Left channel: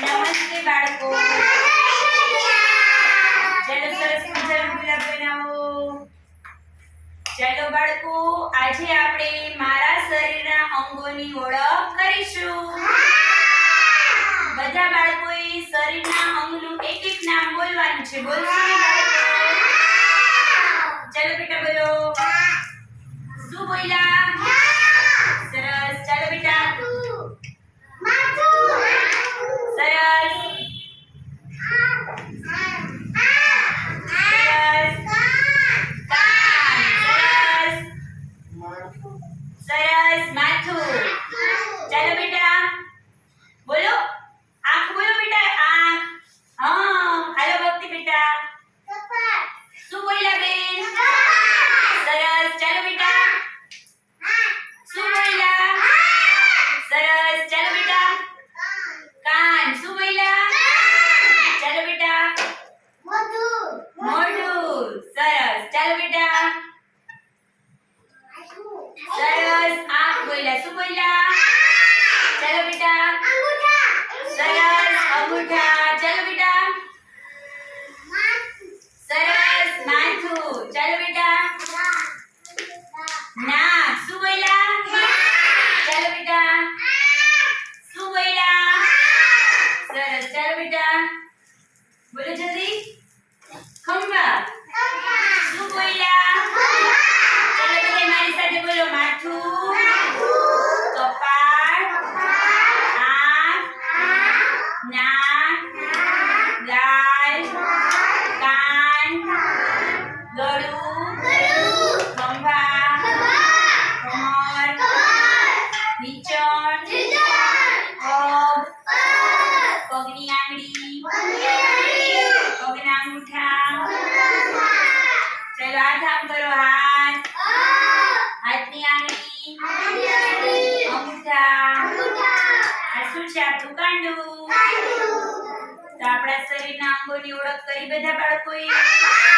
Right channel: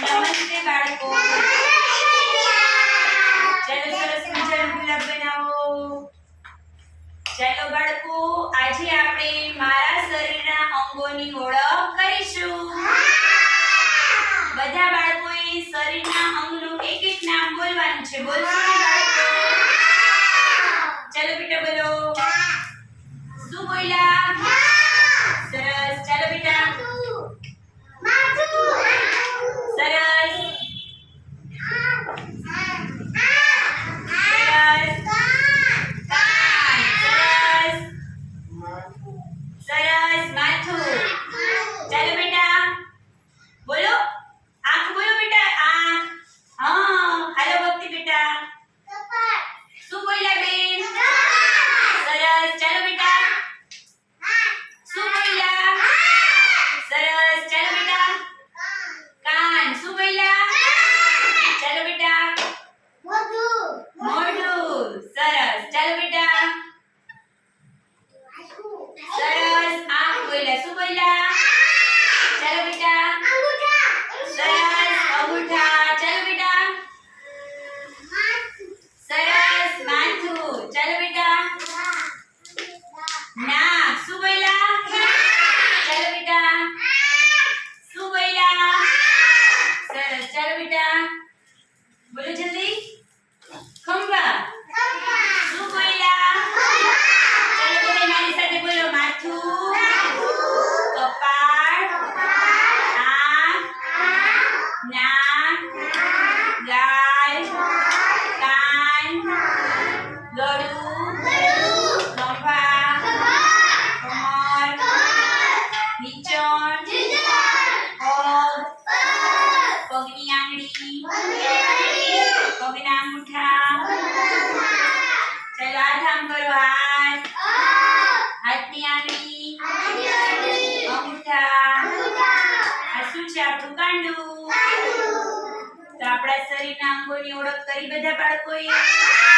નમસ્તે બાળકો. ચાલો સરસ મજાનું ગુલાબ બનાવો. ચાલો બાળકો, આજે આપણે મારા શરીરના અંગોની ઓળખ કરીશું. બધા બાળકોએ શરીરના અંગનું એક એક નામ બોલવાનું છે. બોલશો બાળકો ચાલો બેટા બોલો શું બોલ્યા સરસ ચાલો બેટા સરસ સરસ કાન સરસ સરસ માથું ચાલો બેટા બોલો? આંખ બોલો બેટા, આંખ. હા, હાલો ભક્તિ બેટા. શું બોલ્યા બેન? સરસ. ચાલો બેટા. શું બોલ્યા? સરસ. ચાલો બેટા. કાન. શું બોલ્યા? ચાલો બેટા. મોઢું. સરસ. ચાલો બેટા. સરસ. આંખ બોલ્યા. શું બોલ્યા? ચાલો બેટા સરસ અંગૂઠા ચાલો બેટા સરસ માથું ચાલો બેટા નાક શું બોલ્યા ચાલો બેટા શું બોલ્યા સરસ ચાલો બેટા બોલો જલ્દી ખંભા શું બોલ્યા ચાલો બધા મારી સાથે બોલો માથું કપાળ આંખ નાક ગાલ કાન આમ કરો હાથ હાથની આંગળી. અંગૂઠા. આ શું છે? આપણું કાંડું. તો આપણા શરીરના અંગોની ઓળખ કરી બધા બાળકોએ.